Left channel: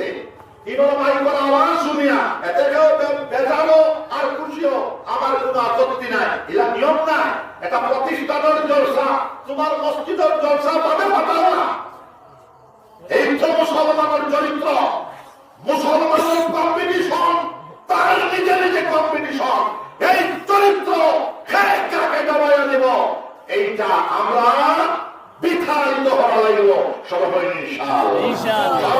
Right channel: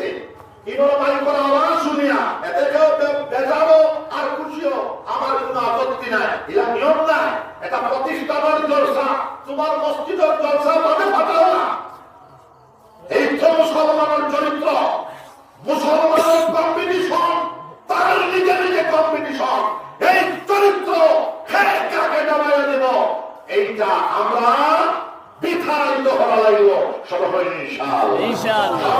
গেছে। কিনোর মাইকের আওয়াজ শুনিয়া এতে কেউ বেজাবো আর খুশিও আমার কোনো আপত্তি নাই, এটা নিয়ম নাই। এটা প্রতিষ্ঠানের জলসা, তোমার মসজিদের জলসা তবে ফাটাও না। এই তো মুসলমানের চরিত্র, মুসলমানের কম্পিটিশন, তার নিজে নিজে কম্পিটিশন। এই চরিত্র হ্যাঁ কাকে জমাইয়া দেব, এইটা আমরা বিতাড়িত হওয়া লাগলো সবাই ইনশাআল্লাহ।